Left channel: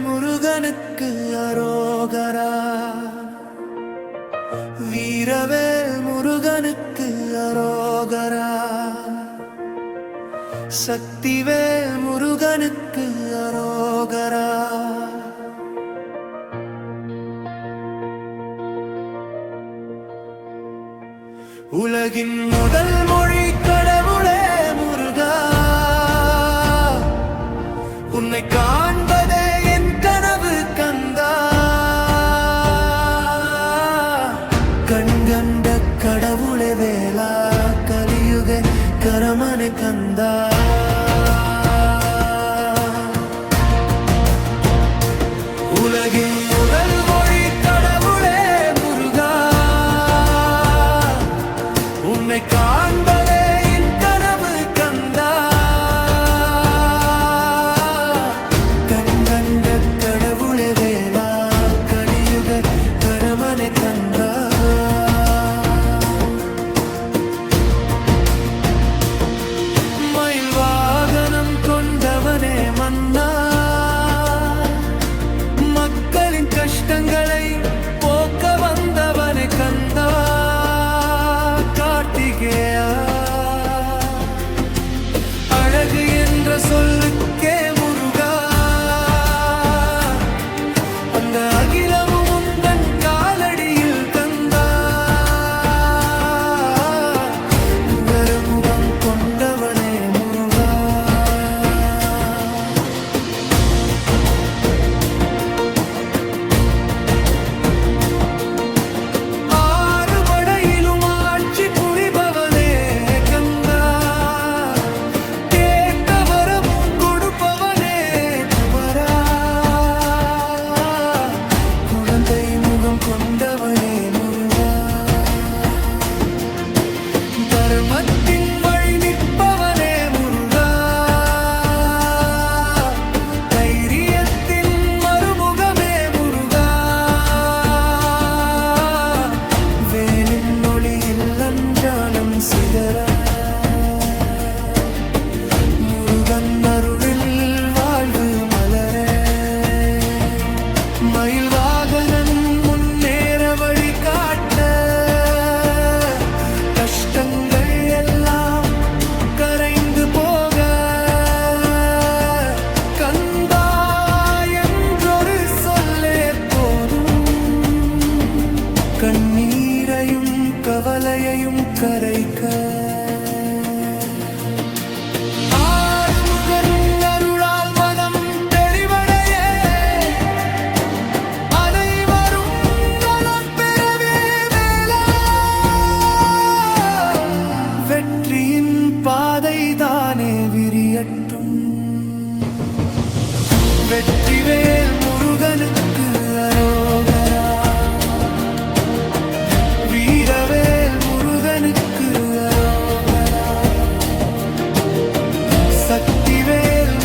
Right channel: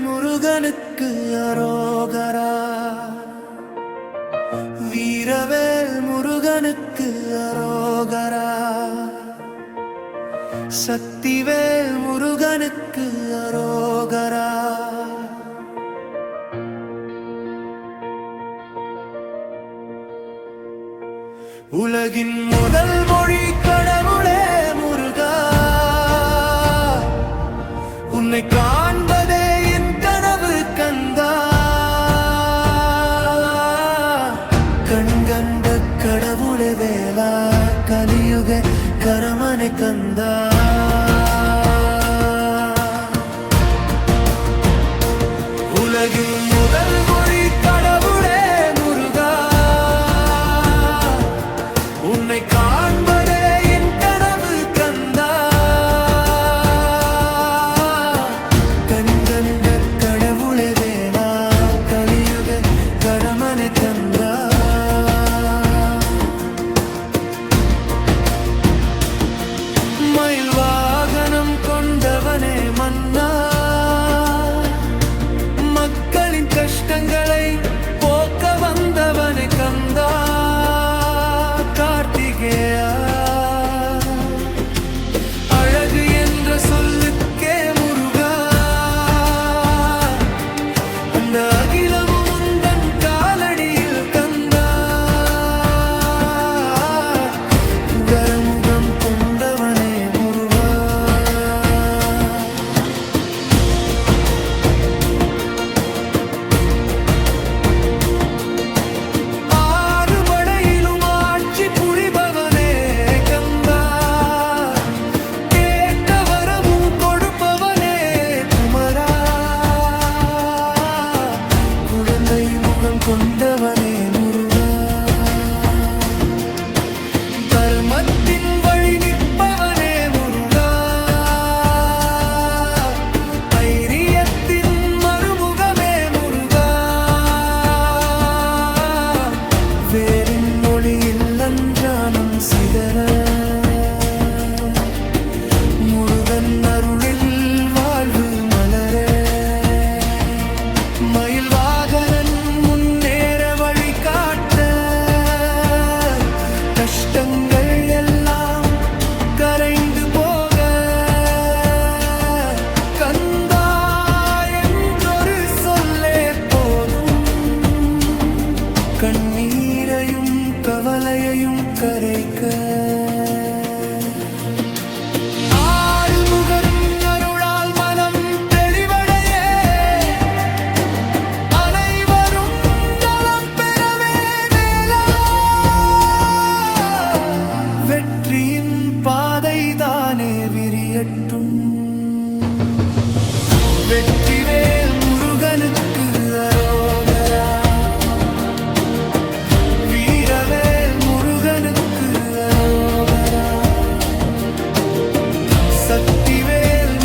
முருகனுக்கு அரோகரா. வீரவேல் முருகனுக்கு அரோகரா. சக்திவேல் முருகனுக்கு அரோகரா. உலகின் முதல் மொழி கடவுளே முருகா. உன்னை கா கண்கண்ட கடவுளே வேலா கலியுக கரமனை கந்தா. உலகின் முதல் மொழி கடவுளே முருகா. உன்னை காண்பதே என் கனவு கந்தா. கண்கண்ட கடவுளே வேலா கலியுக கரமனை தந்தா வாகனம் கொண்டவனே மன்னா. மக்களின் கஷ்டங்களை போக்க வந்தவனே கந்தா. கார்த்திகேயா. அழகு என்ற சொல்லுக்கே தர்மத்தின் வழி நிற்பவனே முருகா. தைரியத்தின் மறுமுகமே முருகா. வேலின் ஒளியில் அஞ்சானம் சிதற. முருகன் அருளில் வாழ்வு மலர. மயில் வாகனன் முன்னேற வழி காட்ட. கஷ்டங்கள் கரைந்து போக. கந்தா என்றொரு சொல்லே போதும். கண்ணீரையும் கவலையையும் கரைக்க. பாதை தானே விரியட்டும். வெற்றிவேல் முருகனுக்கு அரோகரா. வீரவேல் முருகனுக்கு அரோகரா. சக்திவேல்